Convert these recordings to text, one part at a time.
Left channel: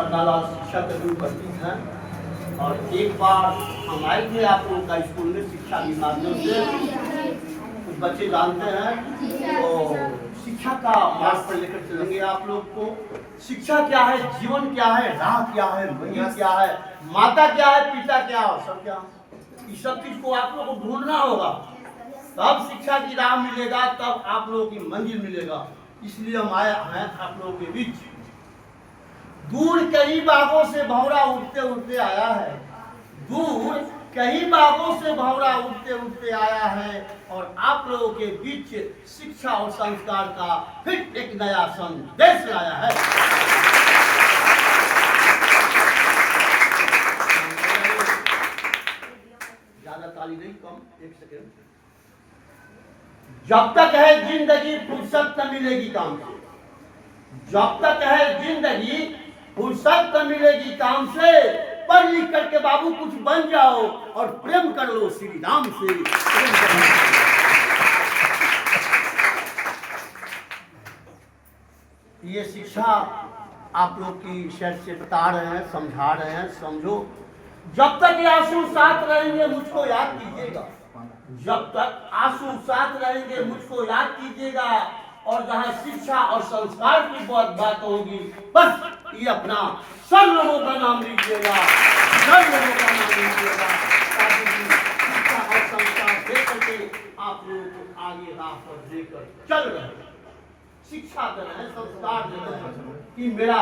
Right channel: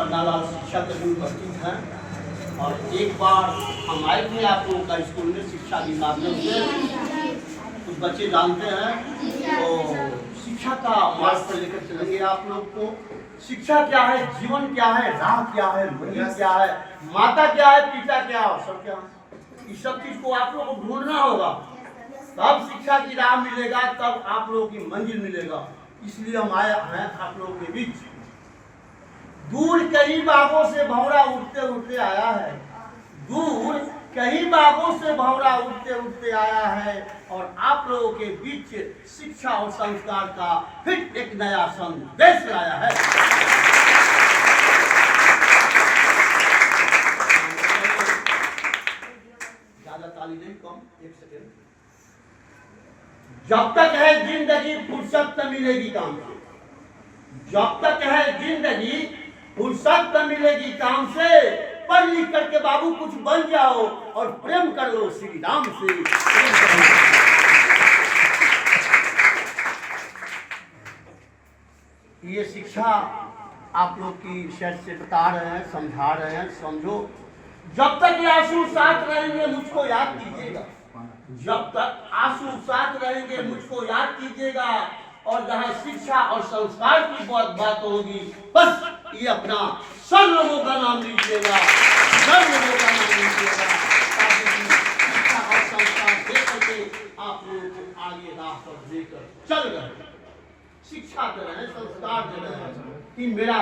पन्नालाल शिक्षा कर्मी उपस्थित हैं और एक बार हम आए थे आप लोगों का स्कूल में शिक्षा के माध्यम से। कुछ बच्चे जानते हैं तो शिक्षा का मार्ग पर लेकर चलेंगे आप लोग को। शिक्षा क्या है, जीवन क्या है, राह क्या है, मंजिल क्या है, माता क्या है, पिता क्या है, सब क्या है, इस सब चीज को आप लोग को ढूंढना होगा। तब शिक्षा की राह मिलेगा, तब आप लोगों की मंजिल मिलेगा। इसलिए हम आए हैं आप लोगों के बीच। दूर कई बागों से भंवरा उठते उठते आया है, दूर कई बागों से भंवरा उठते उठते आया है और आप लोगों के बीच शिक्षा और संस्कार का फिर एक नया संदेश लाया है। ज्यादा ताली नहीं, कम, एक सेकेंड। जब तक है जिंदगी फुर्सत न मिलेगी काम से, जब तक है जिंदगी फुर्सत न मिलेगी काम से, पढ़ लिख करके बाबू कुछ बन जाओ और प्रेम कर लो श्री राम से। ये शिक्षा आप लोग की शर्त से बता रहे हैं, समझा रहे हैं, समझो। जब तक आंसू साथ रहेंगे मुझको याद कीजिएगा, जब तक आंसू साथ रहेंगे मुझको याद कीजिएगा। और जहाँ शिक्षा और संस्कार की बात होगी, बस ये अपना सब लोगों का नाम लीजिएगा, सब लोगों का नाम लीजिएगा, ताकि शिक्षा और संस्कार दे करके आप लोगों को आगे राह पर लेकर चल रहे, शिक्षा दे रहे हैं, संस्कार दे रहे हैं कि मेरा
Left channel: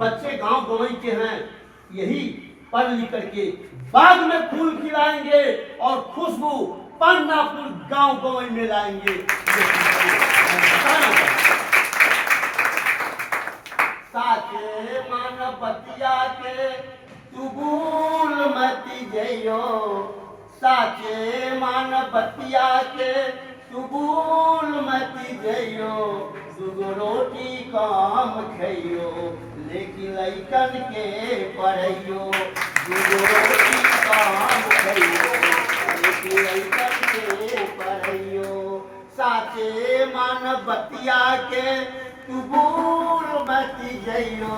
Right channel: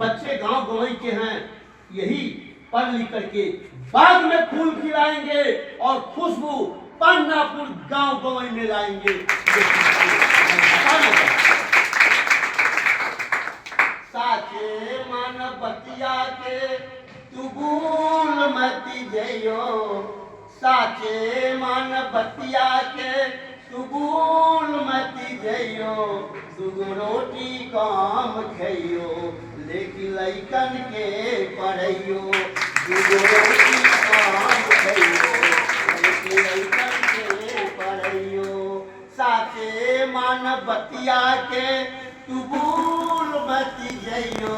बच्चे गांव गवई के हैं, यही पढ़ लिख करके बाग में फूल खिलाएंगे और खुशबू पन्नापुर गांव गवई में लाएंगे। साचे मन बतिया के तू भूल मती जइयो, साचे मन बतिया के तू भूल मती जइयो, दुगो रोटी काम खइयो लेकिन लइकन के पढ़इयो, दुगो रोटी काम खइयो लेकिन लइकन के पढ़इयो। साचे मन बतिया के तू भूल मती जइयो,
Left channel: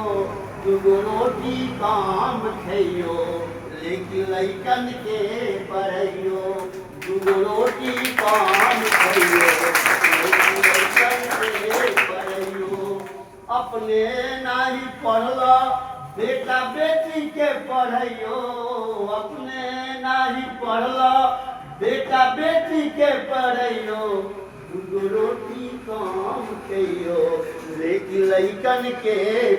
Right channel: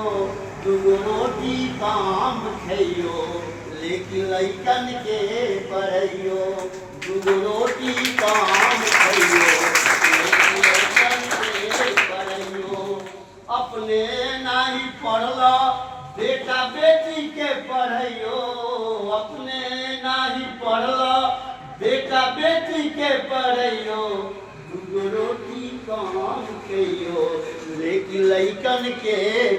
दुगो रोटी काम खइयो लेकिन लइकन के पढ़इयो, दुगो रोटी काम खइयो लेकिन लइकन के पढ़इयो। अपने नाही पढ़ला बेटा बेटी के पढ़इयो, अपने नाही पढ़ला बेटा बेटी के पढ़इयो, दुगो रोटी काम खइयो लेकिन लइकन के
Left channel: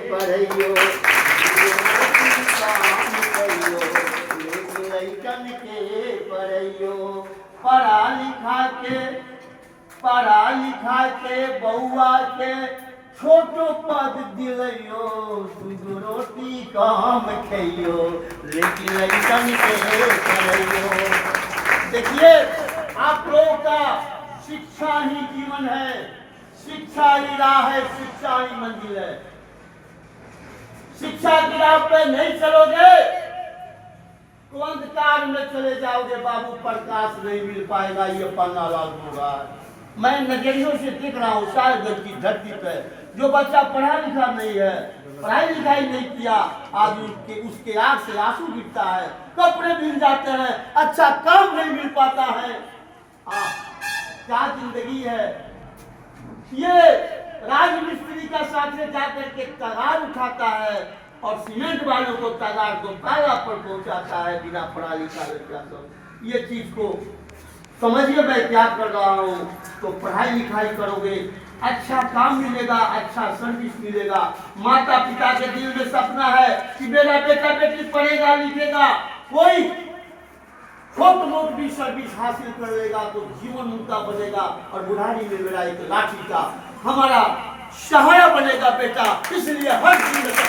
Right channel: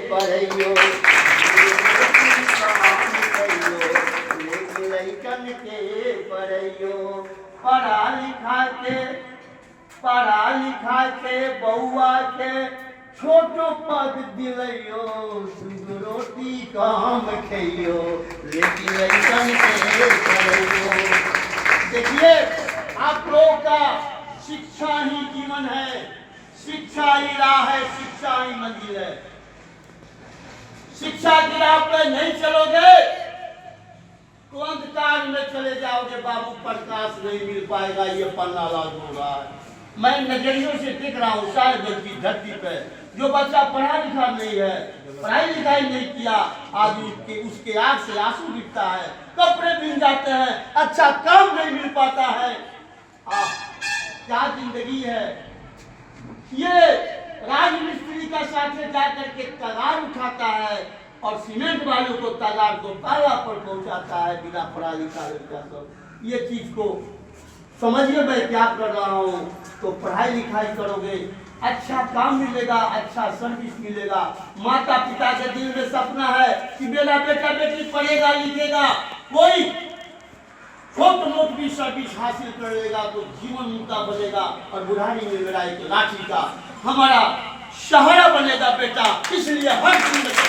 पढ़इयो, दुगो रोटी काम खइयो लेकिन लइकन के पढ़इयो। पढ़ा लिखा के बउआ के छोटो पद दिलइयो, दुगो रोटी काम खइयो लेकिन लइकन के पढ़इयो। देखिए, आप लोगों का शिक्षा ही जीवन है, शिक्षा ही राह है, शिक्षा ही मंजिल है। शिक्षा की राह पर नहीं चलोगे तो अंधकार में चले जाओगे बाबू, प्रकाश नहीं मिल पाएगा। ये पन्नालाल बोल रहा है, मैं नजरियों से देख रहा हूँ। शायद की धरती पे जो बच्चा पढ़ा लिखा नहीं है, पढ़ाई लिखाई नहीं किया, आज उसके आंख से आंसू गिरता है, कपड़े मिल जाते हैं, अच्छा काम नहीं मिल पाता है। क्या जिंदगी है ये। राजमिस्त्री का साथ जाकर के तगार उठाता है और सीमेंट वालों को तगार को ताला पर पहुंचाता है बिना पढ़ा लिखा लड़का सब। ये चीज को समझिए मैं क्या कर रहा हूँ। तो पढ़ाई लिखाई करोगे, अच्छा काम मिलेगा, अच्छा सर्विस मिलेगा। माता पिता के दिल में सपना है कि मेरा बेटा बेटी पढ़ेगा लिखेगा, कोई छोट मोट भी सर्विस हासिल कर लेगा तो जीवन मुद्दा बनेगा और बुढ़ारी में मेरा एक लाठी का हमारा सहारा बनेगा बेटा। इसलिए हर दिन बताना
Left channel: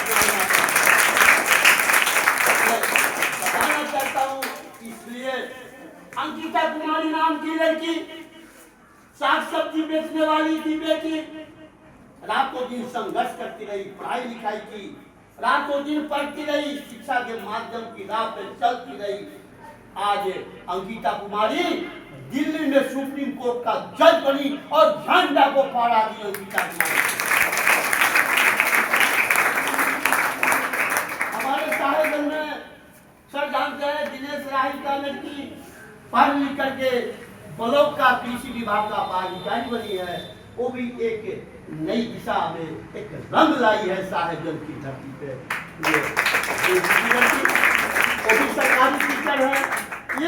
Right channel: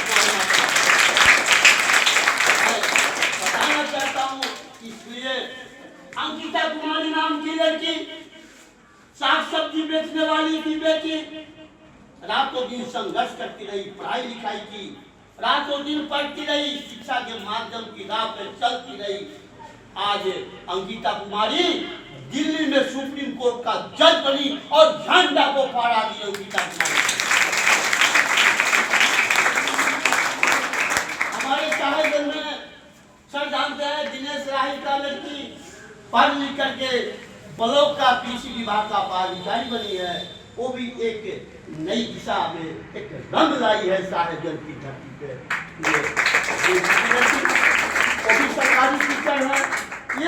चाहता हूँ। इसलिए अंकिता कुमारी नाम की लड़की, साग सब्जी बेचने वाली थी बेटी, रातों दिन संघर्ष करती रही, पढ़ाई लिखाई की, रातों दिन पढ़ती रही, शिक्षा के माध्यम की राह पर चलती रही। आज अंकिता कुमारी दिल्ली में सुप्रीम कोर्ट का जज बनी और झंडा को फहरा दी अंकिता कुमारी। लड़का लड़की पढ़ लिख करके ब्लॉक का कृषि विभाग का पदाधिकारी बनी है, वो भी एक नई दिशा में एक रंग लाई है साहेबगंज की धरती पे। वो भी सरकारी टीचर है।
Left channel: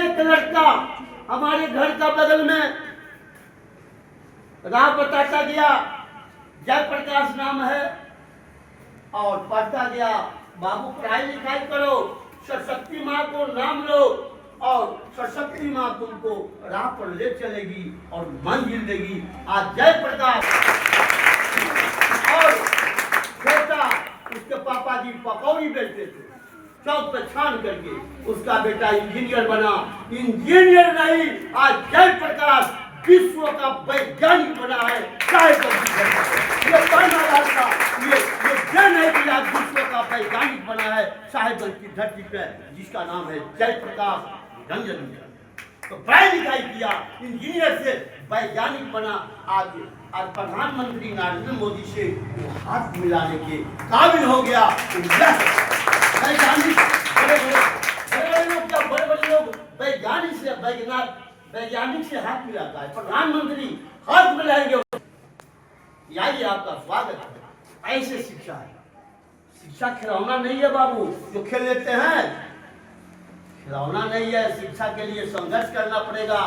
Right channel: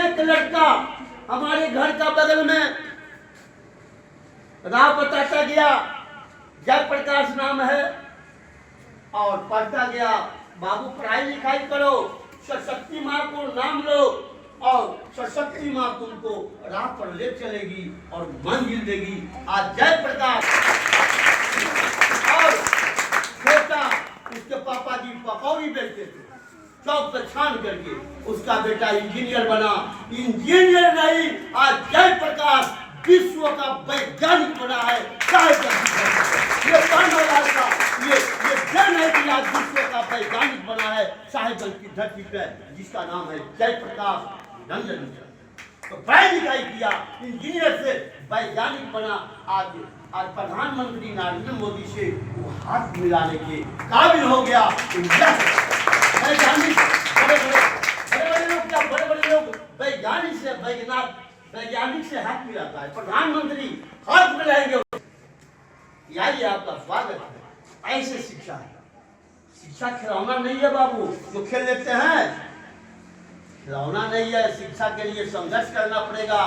एक लड़का हमारे घर का बगल में राह बताता गया, जयप्रकाश नाम है, और पढ़ता गया, बाबू पढ़ाई लिखाई करो, सरस्वती माँ को नाम लो और सरस्वती माँ तुमको राह पर ले चलेगी और मंजिल देगी। आज जयप्रकाश और बेटा, उसके पापा जी पकौड़ी बेचते थे, चौक पे छान करके उसका बेटा इंजीनियर बना। इंजीनियर नहीं, आज जयप्रकाश विश्व का वैज्ञानिक बना है। ये जन है कि आज विश्व का वैज्ञानिक बना है साहेबगंज की धरती पर, जिसका नाम है जयप्रकाश रंजन। तो पढ़ाई लिखाई किया, इंजीनियर से वैज्ञानिक बना। आज प्रधानमंत्री नरेंद्र मोदी से हाथ मिलाने के काबिल हो गया। वैज्ञानिक बड़े लोग क्या, बड़े बड़े लोग वैज्ञानिक से वैज्ञानिक से हाथ मिलाता है, प्रधानमंत्री हाथ मिलाएंगे। यही आपका स्वागत है। ऐसे शिक्षा है। शिक्षा खिलौना नहीं है बाबू जो खेल लेते हैं, खिलौना नहीं है। शिक्षा के लिए संघर्ष करना पड़ेगा,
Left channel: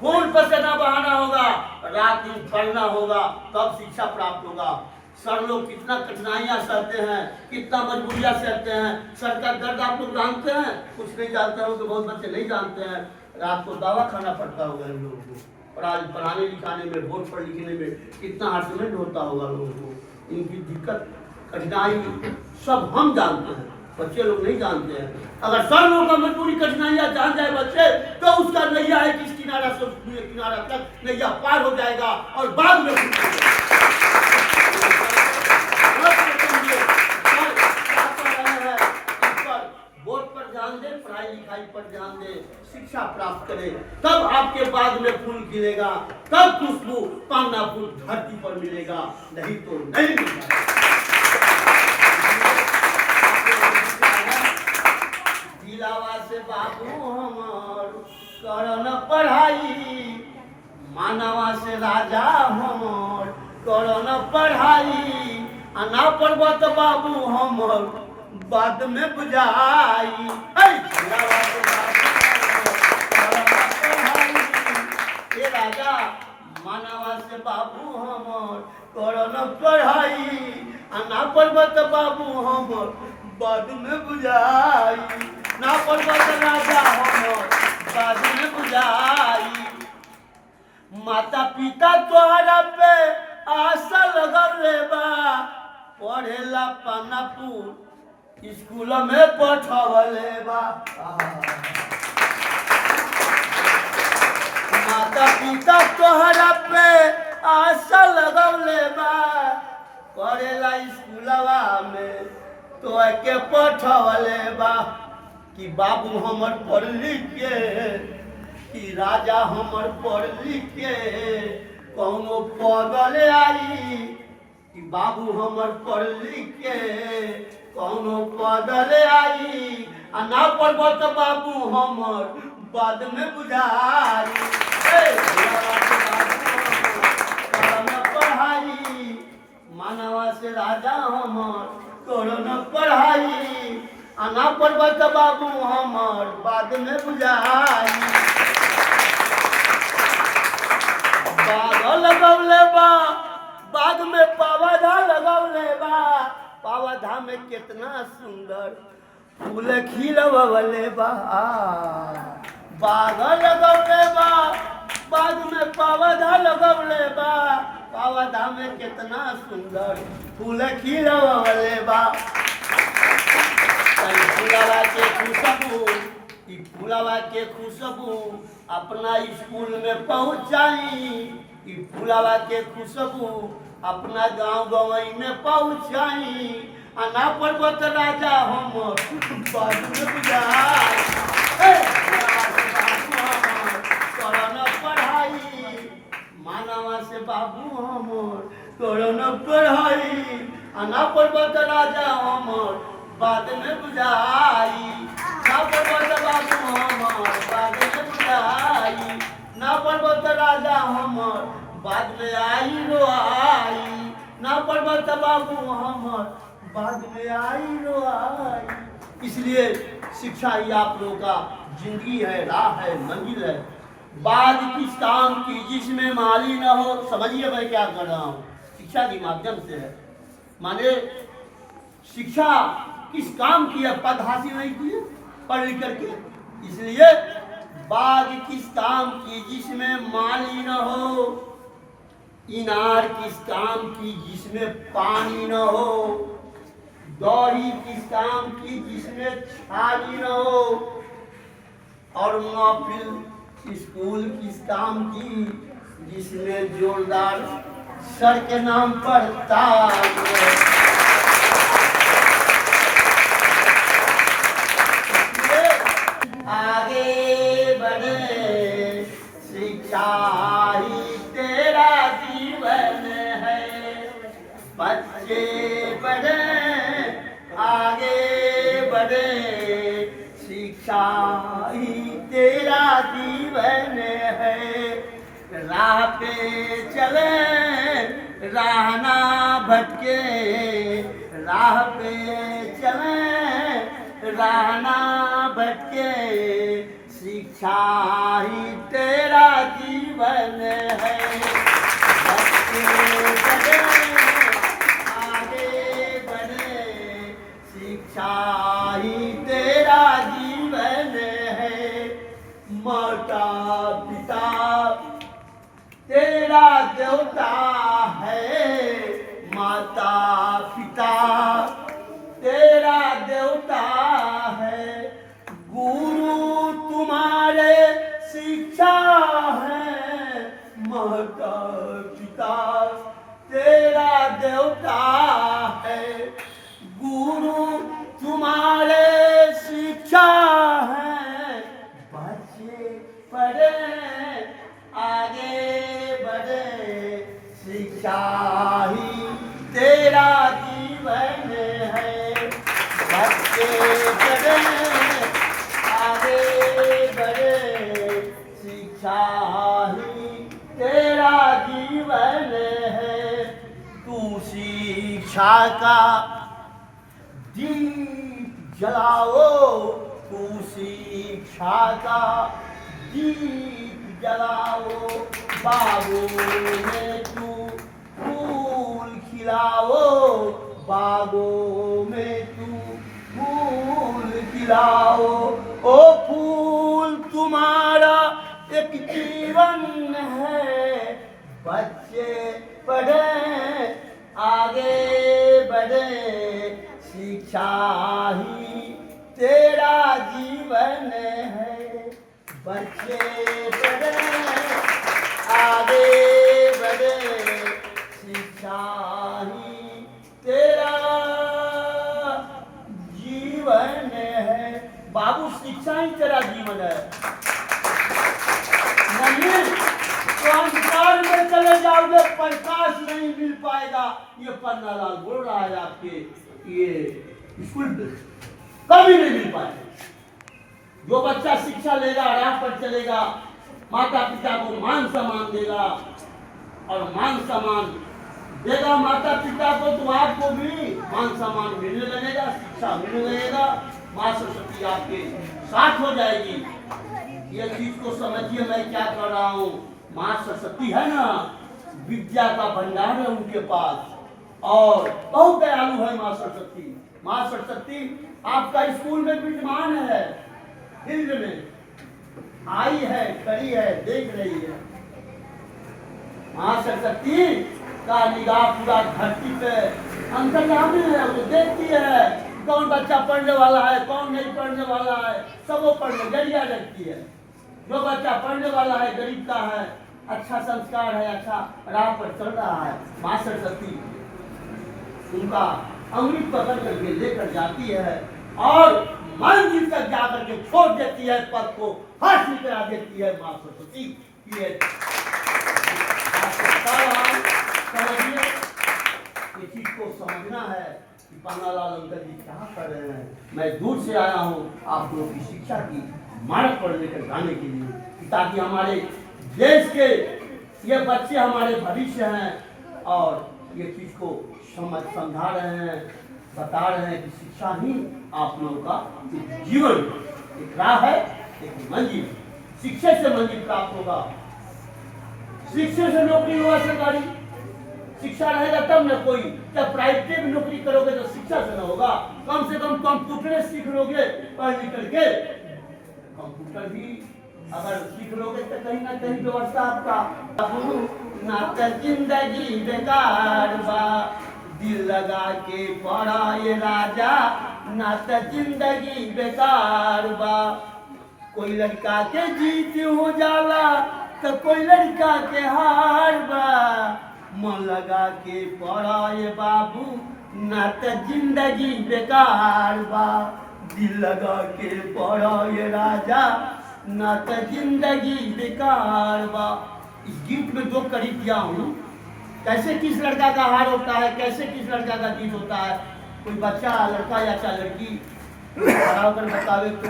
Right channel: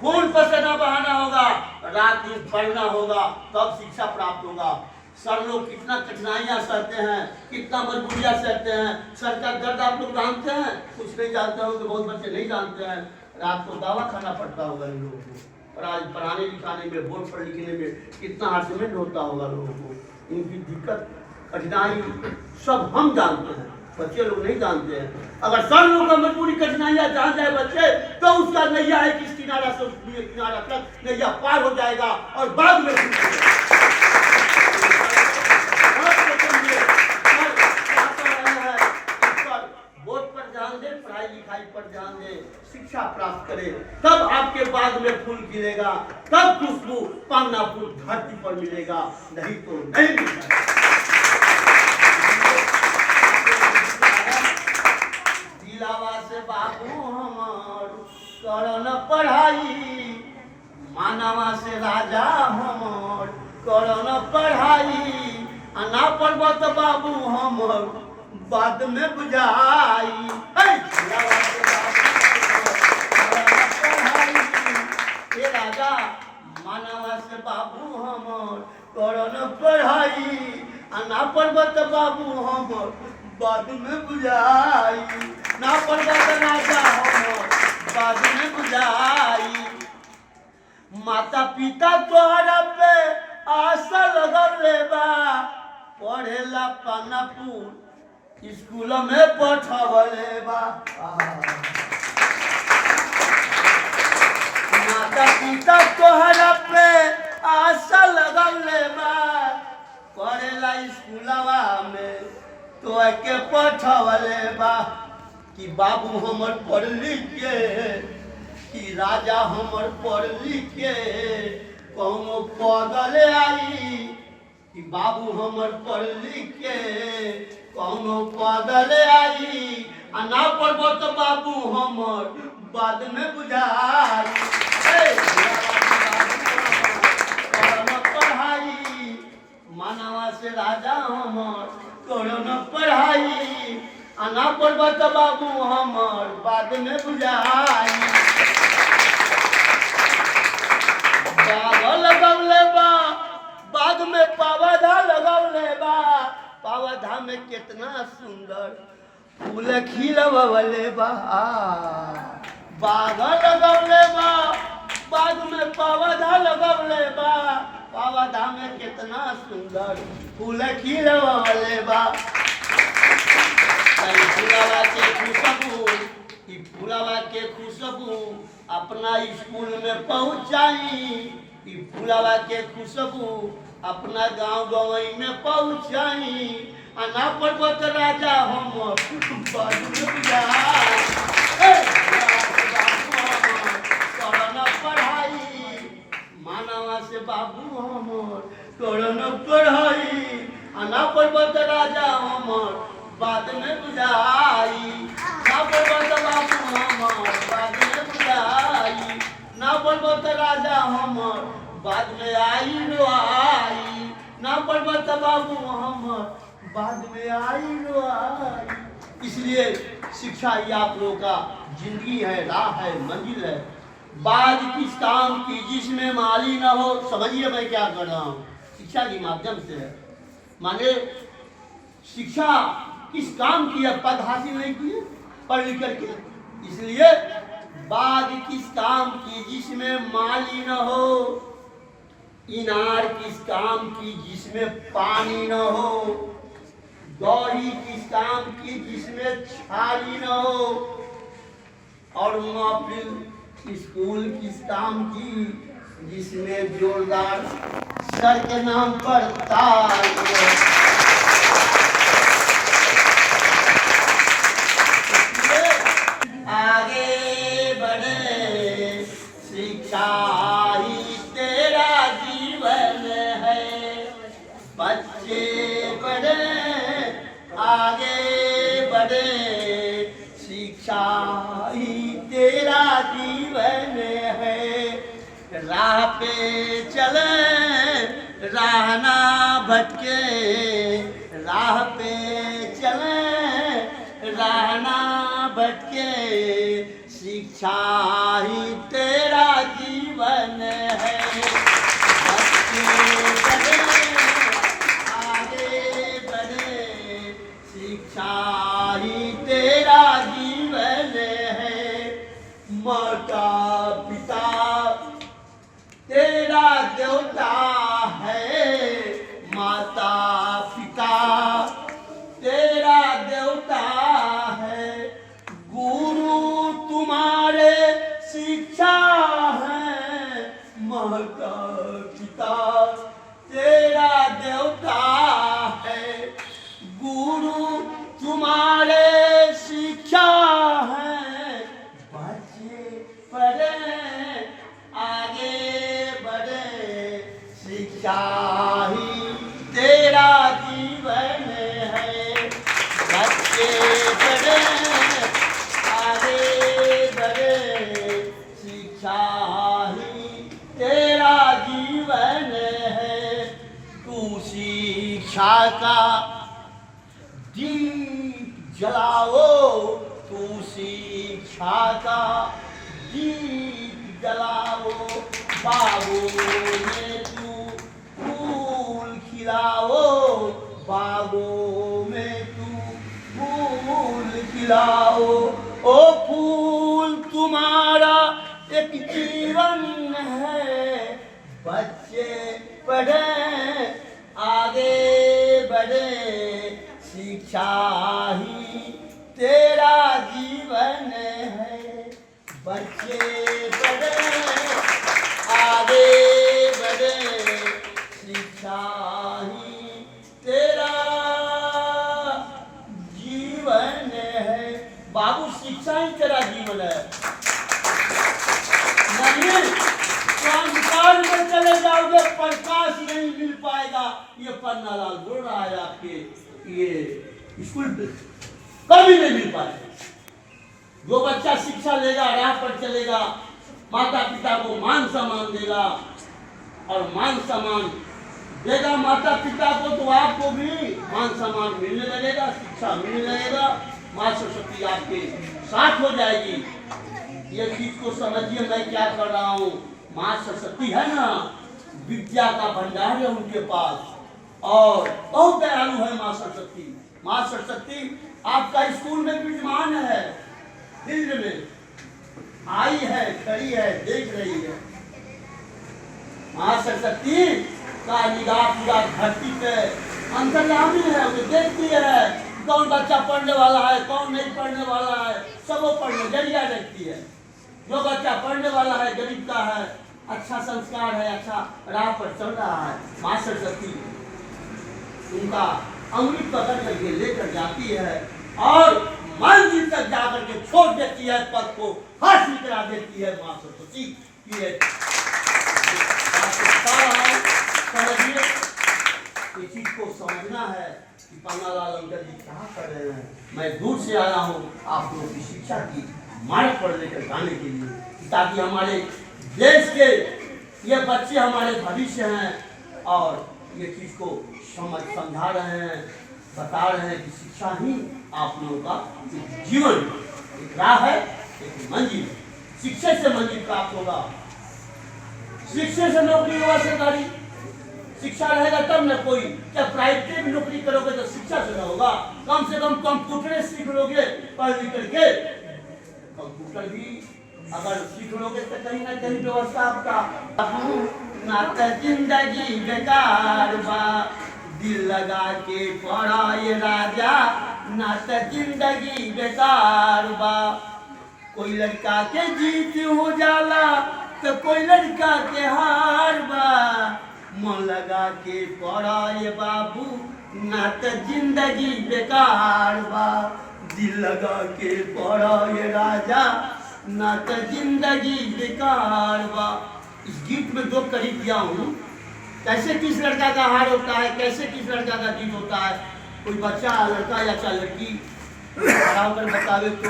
खून पसीना बहाना होगा, रात दिन पढ़ना होगा, तब शिक्षा प्राप्त होगा। सर लोग कितना कठिनाइयां सहते हैं, कितना मजबूरियां सहते हैं। सर का दर्द आप लोग जानते हैं, कुछ नहीं जानते हो, कि बहुत बच्चे नहीं जानते हैं। रात को दवा खाना पड़ता होगा इन लोगों को, और आज पढ़ाने लिखाने में, बोर्ड पर लिखने में कितना हर्समेंट होता होगा लोगों को। इनकी दिक्कत कठिनाई सब हम जानते हैं, बच्चे लोग नहीं जानते हैं। अगर सर लोग का मजबूरी कठिनाइयां जान जाए बच्चे, तो उसका नैया है किस किनारा से उस किनारा तक नैया पार हो जाएगा। और बाद में बोर्ड पर ध्यान दे, पढ़ाई लिखाई पर ध्यान दे, शिक्षा प्राप्त करे, तब आपके बाद में फूल खिलेगा, तब खुशबू पन्ना फूल धरती पर मिलेगा, नहीं तो नहीं मिलेगा। दिलावा से बाबू हमार करन पढ़ाई, मानवा से राजा हमार करन पढ़ाई, अना पर्वत बाबू हमर बाद में बुझाई। राजा मानवा से बाबू हमर करन पढ़ाई, अना पर्वत बाबू हमर बाद में बुझाई, ना पर्वत राजा हमर बाद में बुझाई। माता पिता तोहरा पे आशा लगल बा, पढ़ेला पानापुर स्कूल में पठवले बा। माता पिता तोहरा पे आशा लगल बा, पढ़ेला स्कूलवा में तो के पठवले बा। कि बाबू हमर पढ़ लिख के, कि राजा हमर पढ़ लिख के कौनो पगल आई, कि बाबू हमर पढ़ लिख के कौनो पगल आई, आ ना पढ़ब तो बाबू हमर बाद में बुझाई। पढ़ाई मानवा से राजा हमर कौनो पढ़ाई, आना पर्वत बाबू हमर बाद में बुझाई। बाग लगौले बा, बाग में पौधा लगौले बा, पौधा में कितना सुंदर फूल खिलवले बा। बाग लगौले बा, बाग में पौधा लगौले बा, पौधा में कितना सुंदर फूल खिलवले बा। फूलवा के खुशबू, फूलवा के खुशबू अपना स्कूल में पहुँचाई, फूलवा के खुशबू अपना गांव गवई में पहुँचाई, आना पर्वत राजा हम बाद में बुझाई। करन पढ़ाई मानवा से बाबू हमर करन पढ़ाई, आना पर्वत राजा हमर बाद में बुझाई। ना पर्वत बाबू हमार बाद में बुझाई, ना पढ़बो त राजा हमर बाद में आई रोआई, ना पढ़बो त बाबू हमर बाद में आई रोआई। इसलिए शिक्षा ही आप लोगों का जिंदगी है, राह है, मंजिल है। बाद किस काम की जिसमें माली न हो। समझिए मैं क्या कर रहा हूँ, शिक्षा के माध्यम से है। माने शिक्षा किस काम की है, पद हासिल नहीं किए पढ़ लिख करके। इसलिए बाद किस काम की जिसमें माली न हो, इनार किस काम की जिसमें पानी न हो, दौरी किस काम की जिसमें छाली न हो, और महफिल स्कूल किस काम की जिसमें जोरदार सर के नाम पर ताज हो। आगे बढ़े शिक्षा ही तेरा जीवन है, बच्चे बढ़े आगे बढ़े शिक्षा ही तेरा जीवन है। राह पे चले राह ना भटके, राह पे चले राह ना भटके, शिक्षा ही तेरा जीवन है। बच्चे बढ़े आगे बढ़े शिक्षा ही तेरा जीवन है। माता पिता तेरा देवता है, माता पिता तेरा देवता है, गुरु तुम्हारे शिक्षा है, माता पिता तेरा देवता है, गुरु तुम्हारे शिक्षा है। बच्चे पढ़े आगे बढ़े शिक्षा ही तेरा जीवन है। बच्चे बढ़े आगे बढ़े शिक्षा ही तेरा जीवन है। तू शिक्षा का दीप जलाओ, तू शिक्षा का दीप जलाओ, बागों में तू फूल खिलाओ, बागों में तू फूल खिलाओ। ओ फूल तुम्हारा एक जीवन है, बच्चे पढ़े आगे बढ़े शिक्षा ही तेरा जीवन है। बच्चे बढ़े आगे बढ़े शिक्षा ही तेरा जीवन है। बाबू शिक्षा ही तेरा जीवन है। नहीं तो अंधकार में चले जाओगे, प्रकाश नहीं मिल पाएगा। ये पन्नालाल बोल रहा है आपके ये स्कूल कभी नहीं मिल पाएगा। जो बच्चा शिक्षा लेगा, राह पर चलेगा, माता पिता को मान सम्मान देगा और मान सम्मान देगा माता पिता को, तो आपको भी मान सम्मान मिलने लगेगा, शिक्षा मिलने लगेगा, माँ सरस्वती आपके साथ हो जाएगी। ये चीज को समझिए मैं क्या कर रहा हूँ। माँ सरस्वती है ना, विद्या का भंडार है उनके पास और बहुत दयालु है माँ सरस्वती। माँ सरस्वती आपका स्कूल में विद्यमान है, फील्ड में आई है, खड़ी है, देख रही है। माँ सरस्वती का निगाह पूरा धरती पे अंतर्यामी है, उसे देखती है कौन बच्चा पढ़ने वाला है, कौन नहीं पढ़ने वाला है, सबको पढ़ने जरिया देखती है। जो बच्चा पढ़ने वाला है, गरीब का है, अच्छा संस्कार है, अच्छा राह पर चल रहा है, माँ सरस्वती उनका अंगुली पकड़ करके लेकर जाती है और मंजिल तक जाकर के छोड़ देती है, पद को हासिल करा देती है माँ सरस्वती। समझिए, इस चीज को समझना है कि पन्नालाल अंकल जी क्या कर रहे हैं। मैं दूर से आया हूँ आप लोगों की शिक्षा की मार्ग पर लेकर जाने के लिए, ताकि हमारे देश के ये बच्चे हमारे भविष्य हैं और ये चीज को समझा रहे हैं, बता रहे हैं कि शिक्षा ही आप लोगों का जीवन एक राह है, एक मंजिल। शिक्षा से मंजिल प्राप्त होगा, शिक्षा से नौकरी होगा सरकारी, शिक्षा रहेगा तब न कोई। जब प्राइवेट में नौकरी करोगे तो शिक्षा से न होगा, कम से कम कंप्यूटर सीख लोगे पढ़ लिख करके। कंप्यूटर भी अगर सीख लोगे तो कहीं ना कहीं व्यवस्था आपका ना तो जिंदगी बेकार बा, दिल लगा के पढ़ा ये राजा, ना तो जिंदगी बेकार बा। कोई लड़का के जीत हो जाला तो कोई लड़का के हार बा, मन लगा के पढ़ा ये बाबू, ना तो जिंदगी बेकार बा, दिल लगा के पढ़ा ये राजा, ना तो जिंदगी बेकार बा। इस गीत में दो कड़ी दिया हूँ, कैसे किस लड़का का हार होता है, कैसे किस लड़का का जीत होता है। कोई बच्चा लड़का या चाहे लड़की खड़ा होकर बतावे तो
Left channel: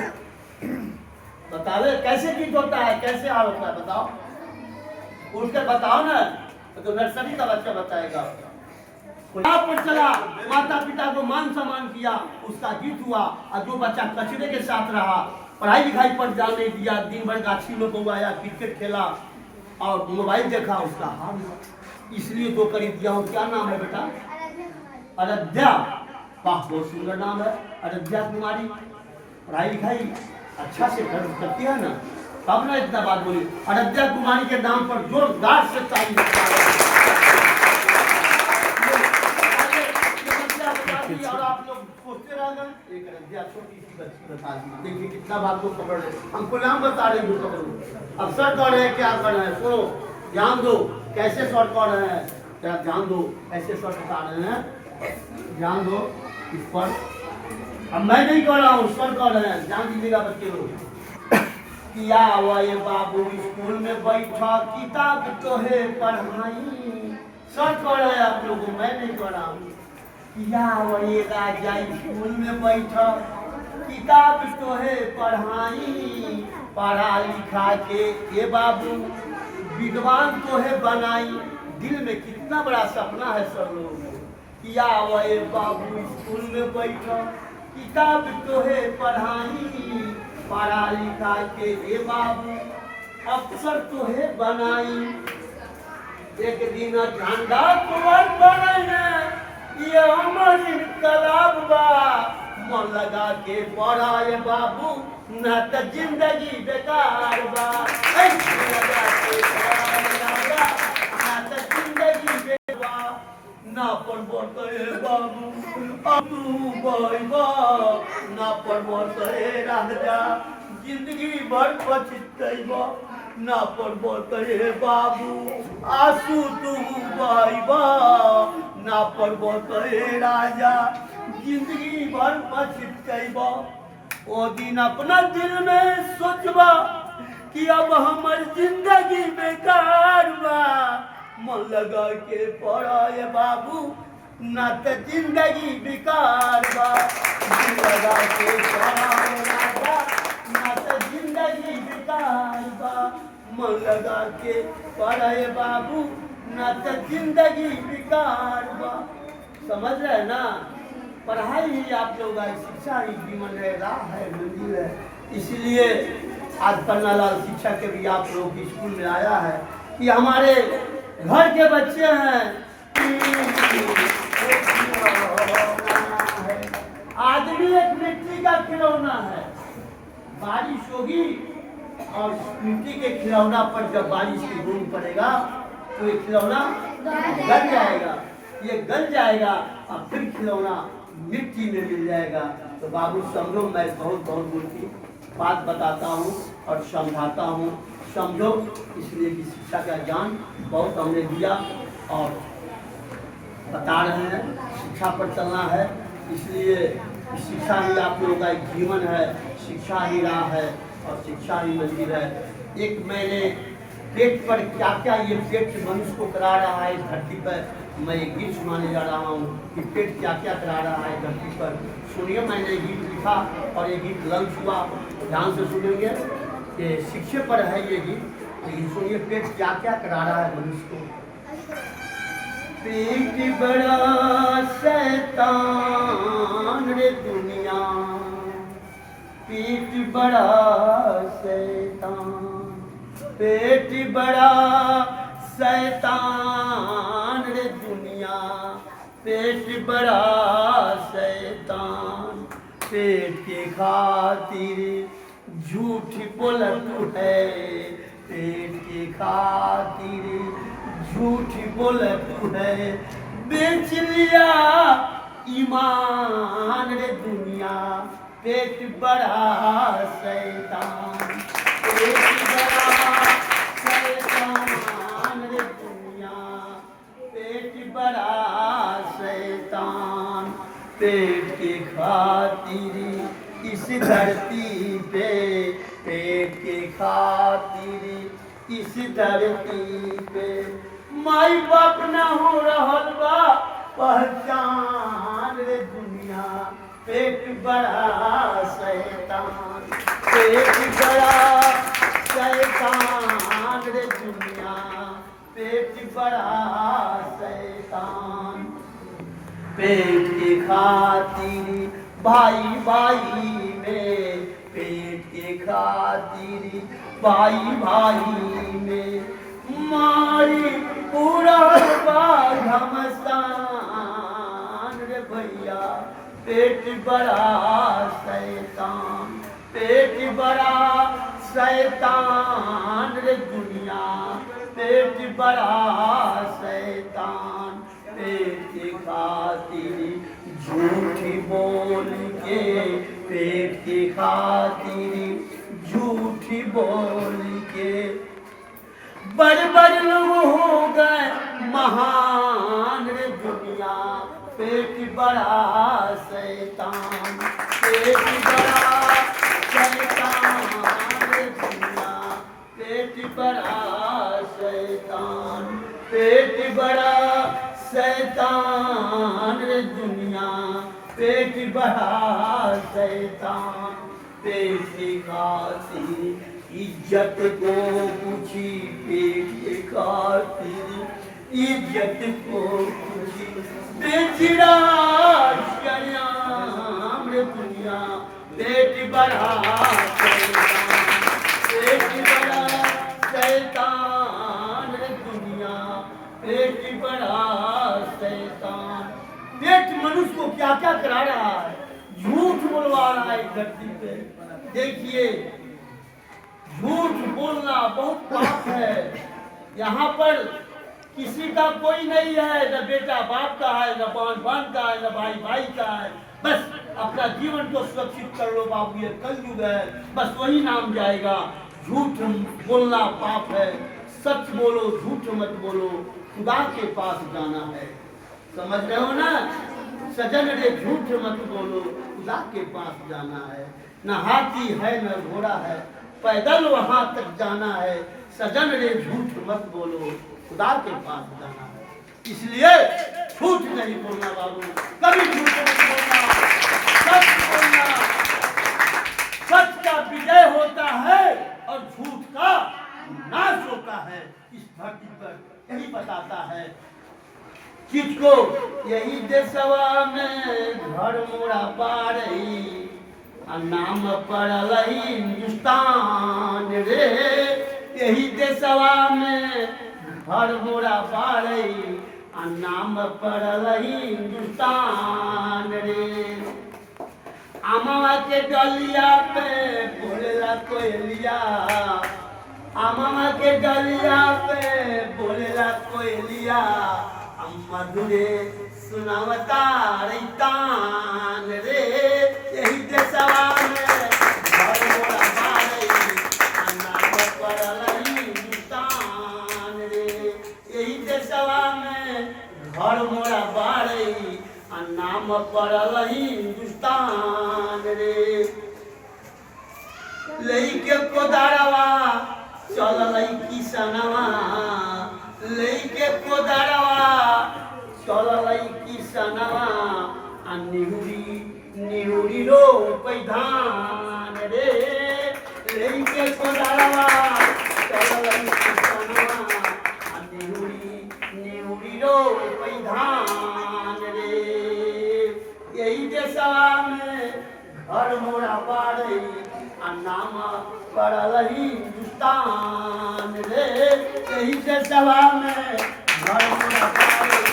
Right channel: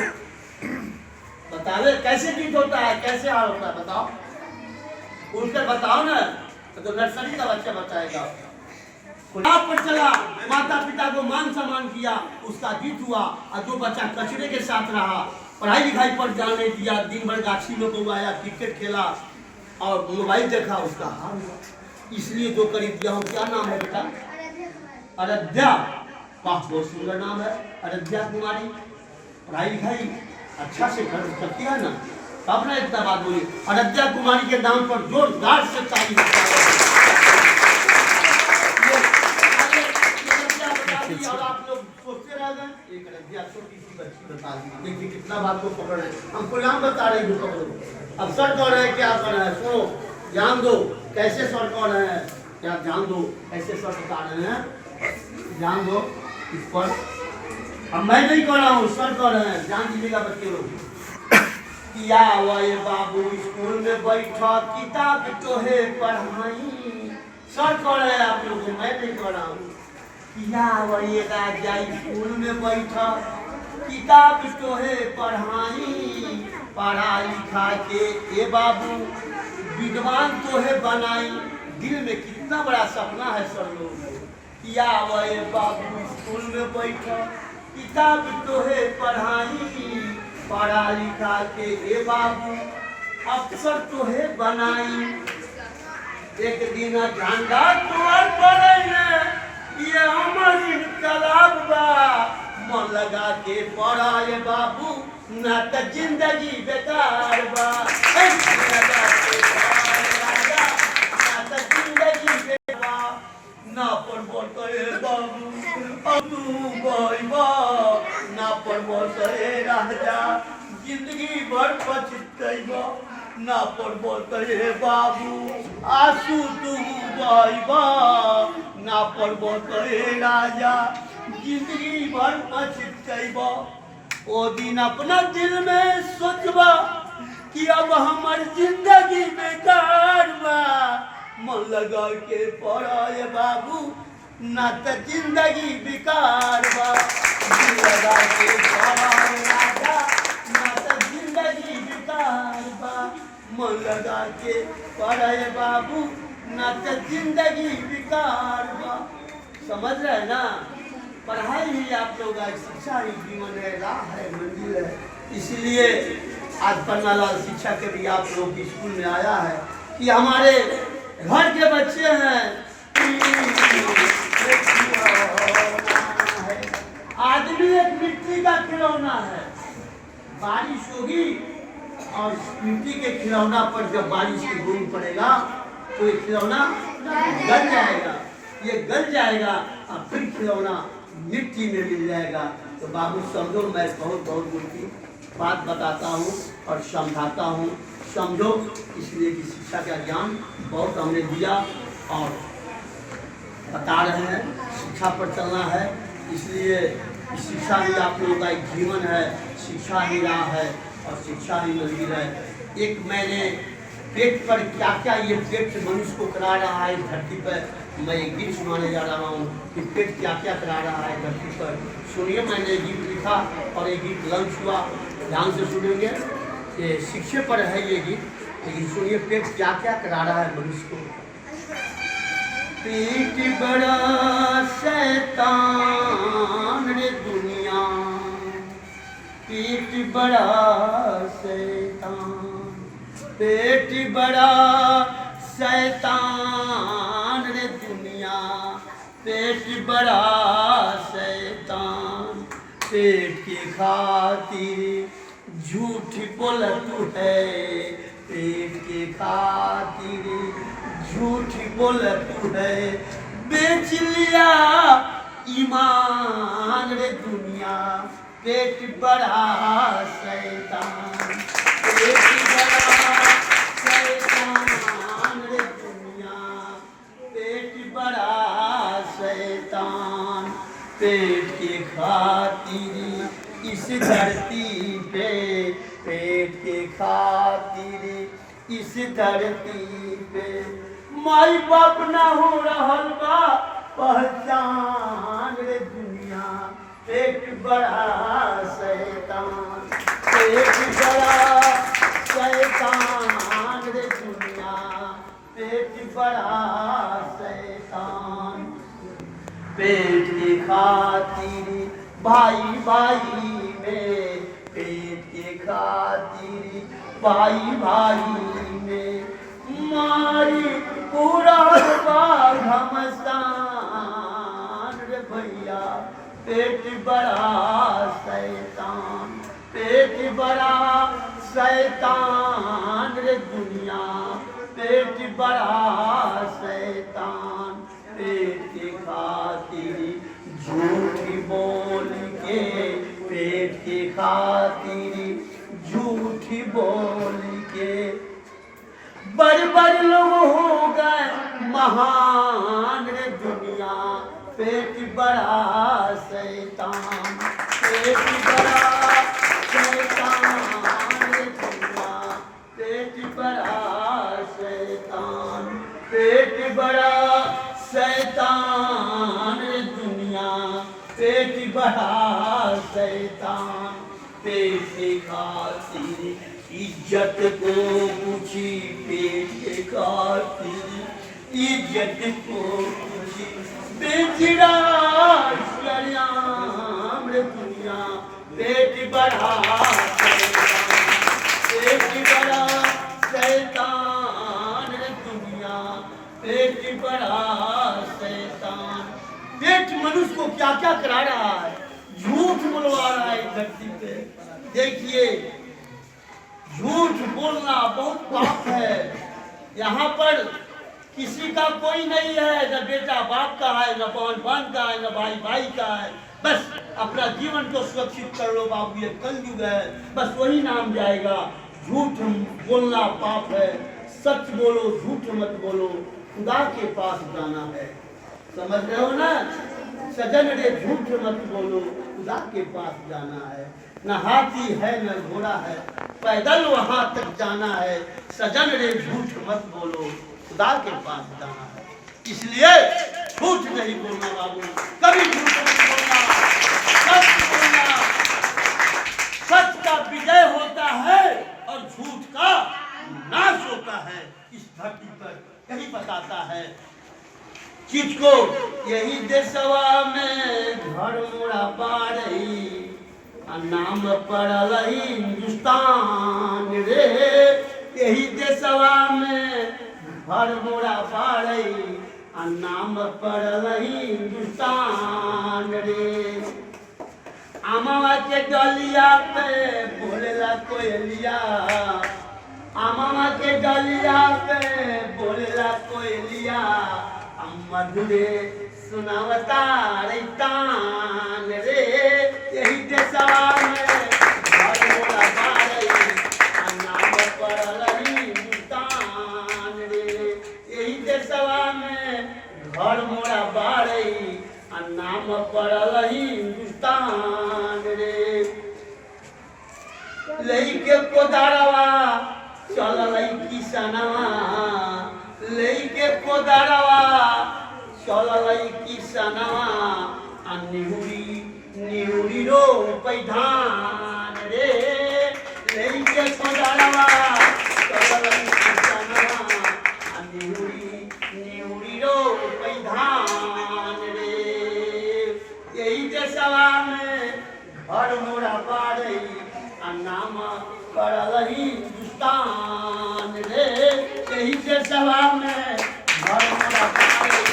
बतावे कैसे जीत होता है, कैसे हार होता है, बताओ उनसे बताओ ना, तो नर्सरी का बच्चा बताएगा। पर चला, माता पिता को मान सम्मान किया, उसका जीत हुआ। और जो बच्चा कचरे के साथ रहा, पढ़ाई लिखाई पर ध्यान नहीं दिया, दिन भर गाछी में बउआया, क्रिकेट खेला और मोबाइल देखा, उसका हार हुआ। इसलिए दो कड़ी दिया हूँ। क्या नाम है बेटा? अयोध्या। वाह, बहुत सुंदर नाम है, अयोध्या कुमारी। पढ़ाई लिखाई अच्छा से करती है ना, तब ना इतना बात बोली। अयोध्या कुमारी के नाम पर जोरदार से ताली और आप लोग सोचते रह गए। एक अयोध्या छोटी सी बच्ची बता दी, देखिए कितना बात को पकड़ रहे। हमको नाम बता रहे हैं, पकड़ो। अब सर कह रहे हैं क्या कर रहे हैं, सुनो ध्यान दो। कैसे सर कह रहे हैं, क्या ध्यान दो, कैसे सर बता रहे हैं, ध्यान दो इस पर। अब मैं नहीं कह रहा हूँ, सर कह रहे हैं, ध्यान दीजिएगा बच्चे लोग। किया ये बाबू स्कूल में बैठा, किताब तो है पढ़ाई। सर कह रहे हैं आप लोगों, मैं नहीं कह रहा हूँ। किया ये राजा स्कूल में बैठा, किताब तो है पढ़ाई। पढ़ा लिखा के ये बाबू विद्वान तो है बनाई। दिल में कितना बड़ा सपना है सर लोगों को। किया ये बाबू स्कूल में बैठा, किताब तो है पढ़ाई। पढ़ा लिखा के ये बाबू अफसर तो है बनाई। एक दिन झंडा तोड़ पड़े, ये हमार इनकलाब बा। मन लगा के पढ़ा ये बाबू, ना तो जिंदगी बेकार बा। लगा के पढ़ा राजा, ना तो जिंदगी बेकार। ना पढ़बो तो ये बाबू अब तू बा, ना पढ़बो तो ये राजा जिंदगी भर पछतैबा। ना पढ़बो तो ये बाबू आंसू तू बा, ना पढ़बो तो ये राजा जिंदगी भर पछतैबा। ओ दिन अपना दिल में सोचबा कि अब हमार जिंदगी बेकार बा। मन लगा के पढ़ा ये बाबू, ना तो जिंदगी बेकार बा। दिल लगा के पढ़ा ये राजा, ना तो जिंदगी बेकार बा। मन लगा के पढ़ा ये बाबू, ना तो जिंदगी बेकार बा। समझ रहे ना, पढ़ाई ही आप लोग का शिक्षा ही जीवन है, राह है, मंजिल है। इसलिए आज पन्नालाल शिक्षा के भी आप लोग की स्कूल में आया है कि हमारे घर के बच्चे हैं। आदमी एक मिट्टी का खिलौना है। बारिश होगी और मिट्टी के खिलौना पर जब बारिश की बूंद पड़ेगा तो ये खिलौना गल जाएगा, ये गल जाएगा और फिर खिलौना मिट्टी में मिल जाएगा। तो बाबू समझो, मैं बहुत बहुत उनकी बात बताता हूँ और समझाता हूँ, समझो। इसलिए कि शिक्षा का ज्ञान बहुत हमने दिया और बता रहे हैं, शिक्षा पर चलना है। इसलिए शिक्षा ही आप लोगों का एक जीवन है, शिक्षा ही राह है और शिक्षा ही मंदिर है। एक मैंने पेट पर क्या क्या ये पेट मनुष्य को करा रहा है धरती पर, मैं एक गीत सुनाने जा रहा हूँ कि पेट क्या क्या करा रहा है धरती पर। सुनिए, मैंने गीत लिखा और ये गीत लॉन्च हुआ ध्यान से सुनेंगे, ये शिक्षे पर है ये गीत। लेकिन सुनिए पेट क्या क्या करा रहा है मनुष्य को। पेट बड़ा शैतान रे दुनिया, पेट बड़ा शैतान, पेट बड़ा शैतान रे दुनिया, पेट बड़ा शैतान। पेट के खातिर झूठ बोलत है, पेट के खातिर झूठ बोलत है। बेच लिया ईमान रे दुनिया, पेट बड़ा शैतान, पेट बड़ा शैतान रे दुनिया, पेट बड़ा शैतान। पेट के खातिर इस धरती पे, पेट के खातिर इस धरती पे माई बाप ना हो रहल बा पहचान रे दुनिया, पेट बड़ा शैतान, पेट बड़ा शैतान रे दुनिया, पेट बड़ा शैतान। पेट के खातिर भाई भाई में, पेट के खातिर भाई भाई में मारी पूरा घमसान रे भैया, पेट बड़ा शैतान, पेट बड़ा शैतान रे दुनिया, पेट बड़ा शैतान। पेट के खातिर झूठ बोल के, पेट के खातिर झूठ बोल के बड़े बड़े लोग हो गए महान रे दुनिया, पेट बड़ा शैतान, पेट बड़ा शैतान रे दुनिया, पेट बड़ा शैतान, पेट बड़ा शैतान रे दुनिया, पेट बड़ा शैतान। पेट के खातिर इज्जत को पूछी, पेट के खातिर इज्जत को पूछी, बेचड़ा शरियाम रे दुनिया, पेट बड़ा शैतान, पेट बड़ा शैतान रे दुनिया, पेट बड़ा शैतान। पेट मनुष्य को क्या क्या करा रहा है, झूठ बोलवा रहा है धरती पे। देखिए झूठ बोलना बहुत पाप है। यहाँ पर किसी का कोई नहीं है, न बेटा बाप का है, न बहन बहन का है, न भाई भाई का है। बस अपना जीवन को सुरक्षित कर लो बाबू, ये कलयुग है, बस वही नाम जाएगा। झूठ बोलना पाप है, सच बोलो, झूठ मत बोलो, खुदा के पास जाना है। समझ रहे हो ना? सजन रे झूठ मत बोलो, खुदा के पास जाना है। न हाथी है न घोड़ा है, पैदल वहां तक जाना है। सजन रे झूठ मत बोलो, खुदा के पास जाना है। इसलिए झूठ नहीं बोलना बाबू, कभी झूठ मत बोलना, सच बोलना। सच का विजय होता है और झूठ का नाश होता है इस धरती पर, यही बताता है चीज को। यही देशवा में घर मोड़ा पारई, नाम पड़ल हिंदुस्तान रे। यही देशवा में घर मोड़ा पारई, नाम पड़ल हिंदुस्तान रे। आमावा के डलिया पे बोलेला कोयलिया, आमावा के डलिया पे बोलेला कोयलिया, मधुरे सुनावता रैतान रे। यही देशवा में घर मोड़ा पारई, नाम पड़ल हिंदुस्तान रे। यही देशवा में घर मोड़ा पारई, नाम पड़ल हिंदुस्तान रे। लइके कोदारवा चलल किसनवा, लइके कोदारवा चलल किसनवा, निहुरी निहुरी रो पैधान रे। मदारवा चललई चनवा निहुरी रो पैधान रे यही देशवा में घर मोरा बारई आ नाम पड़ल हिंदुस्तान रे यही देशवा में घर मोरा बारई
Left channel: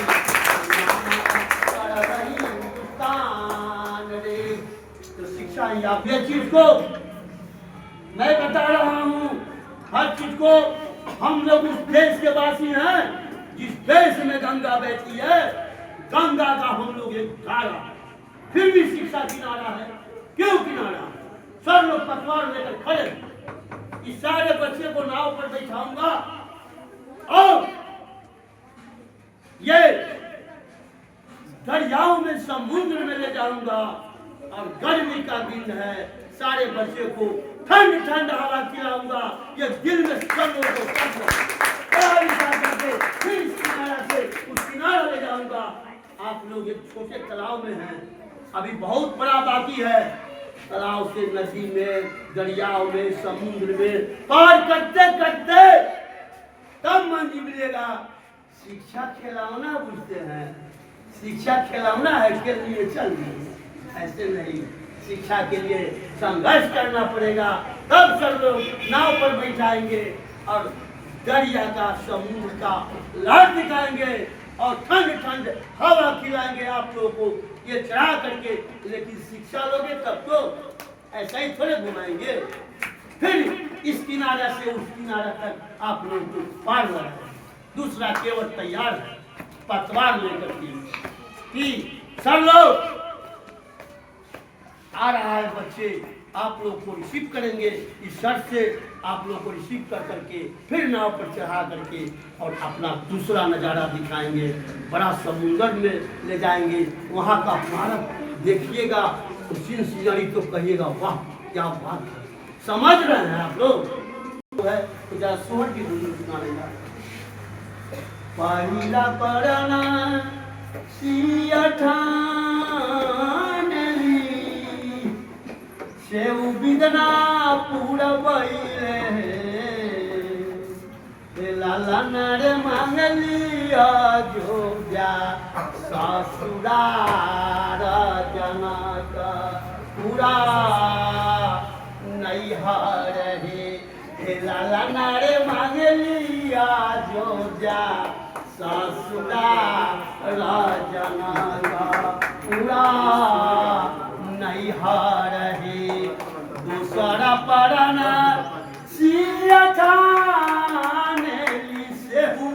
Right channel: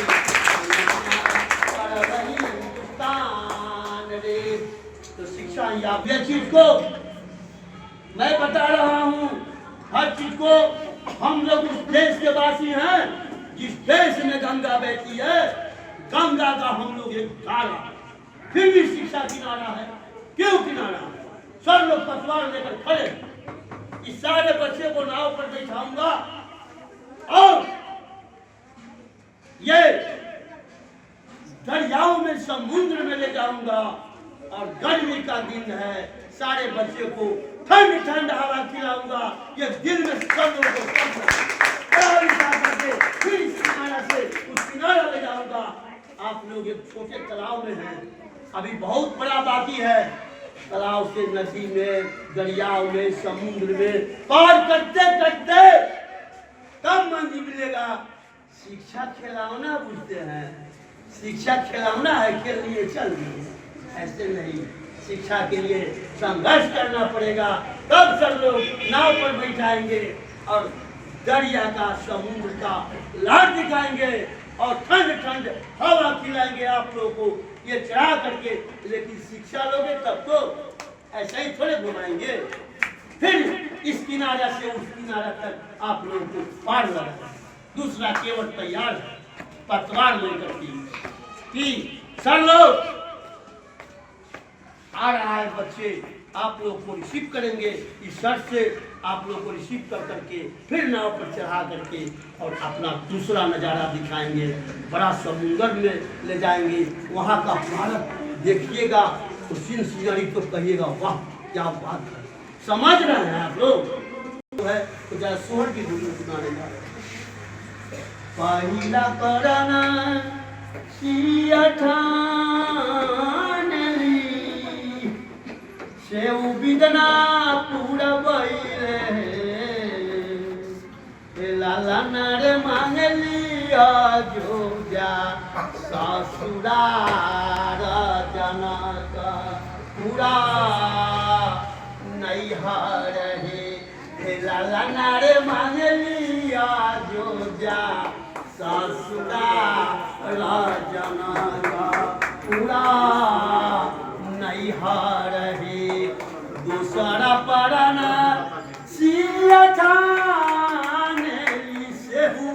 आ नाम पड़ल हिंदुस्तान रे। तो शिक्षा आप ये चीज को मैं बता रहा हूँ, हर चीज को हम लोग उस देश के वासी हैं जिस देश में गंगा बहती है, गंगा का हम लोग एक धारा, फिर भी शिक्षा किनारा है। क्यों किनारा है? सब लोग पतवार लेकर खड़े, इस सारे बच्चे को नाव पर बैठाऊंगा और ये दरियाओं में समुद्र में ले जाऊंगा और गर्मी का दिन है, सारे बच्चे को ठंड ठंड हवा खिलाऊंगा। ये दिल में सब लोगों को करके फिर इस किनारा से उस किनारा ले जाऊंगा। आप लोग एक छोटे तालाब में हैं, अभी बहुत बड़ा बाकी है। तालाब से नदी में, दरियाओं में, समुद्र में पार करते करते तब मंजिल मिलेगा। शिक्षा खिलौना बुझते हैं, शिक्षा खिलौना है, के लिए चल रही ऐसे नहीं। शिक्षा के लिए संघर्ष करना पड़ेगा, तब सब लोग नाव पर बैठाएंगे और दरिया का, समुद्र का लाट दिखाएंगे और ठंड ठंड हवा खिलाएंगे आप लोगों को ये चढ़ा करके। लेकिन शिक्षा लोगे तब तो ऐसा ही थोड़े घुमाएंगे। फिर इस किनारा से उस किनारा तक आप लोग को पार लगा। दूसरा केवल तैयार है, पतवार लेकर कि सब लोग आ रहा है बच्चे, आप लोग को रिसीव करेंगे। इस शर्त से आप लोग को रिसीव कर करके फिर नाव पर चढ़ा करके और अपना दूसरा नज़ारा दिखाएंगे। बड़ा समुंदर में ले जाएंगे, वहाँ का भारत देखिएगा तो सीन सीनरी तो कहिएगा वाह क्या बात है। समझ रहे हैं आप लोग? है तो जरा सोहर की धुन सुनाने जा रहे हैं। पहिला पराना सिया सेव बिदना पूरा बैले लाला नारे मांगलिया जो जा ससुरार जनक पूरा नैहर हे लाला नारे मांगलिया जो जा ससुरार जनक पूरा नैहर हे। दूसरा पराना सिया सेहू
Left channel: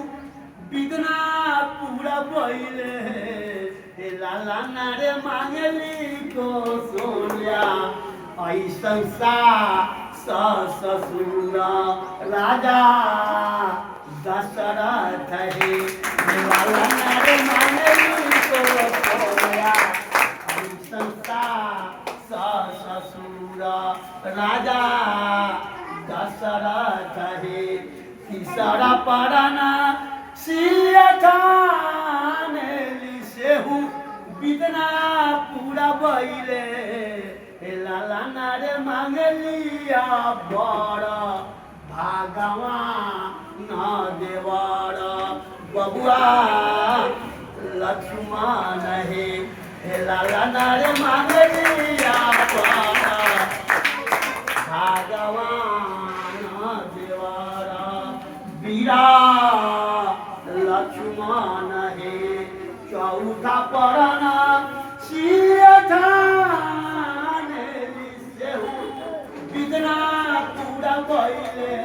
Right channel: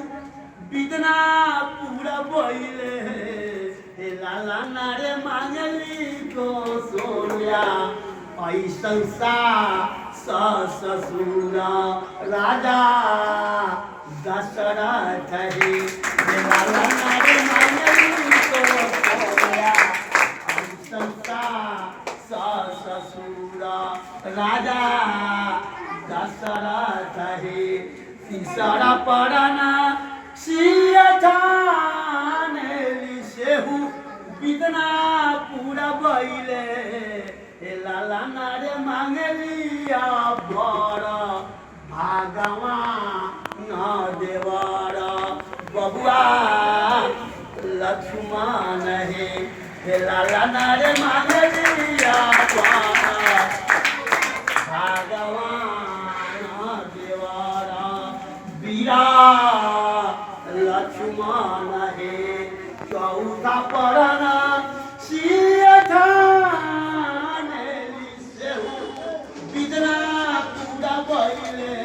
बिदना पूरा बैले लाला नारे मांगली को सोनिया ऐसन सा ससुर राजा दशरथ हे लाला नारे मांगली को सोनिया ऐसन सा ससुर राजा दशरथ हे। तीसरा पराना सिया सेहू बिदना पूरा बैले लाला नारे मांगलिया बर भगवान देवर बबुआ लक्ष्मण हे लाला नारे मांगलिया बर भगवान देवर बीरा लक्ष्मण हे। चौथा पराना सिया बिदना पूरा बैले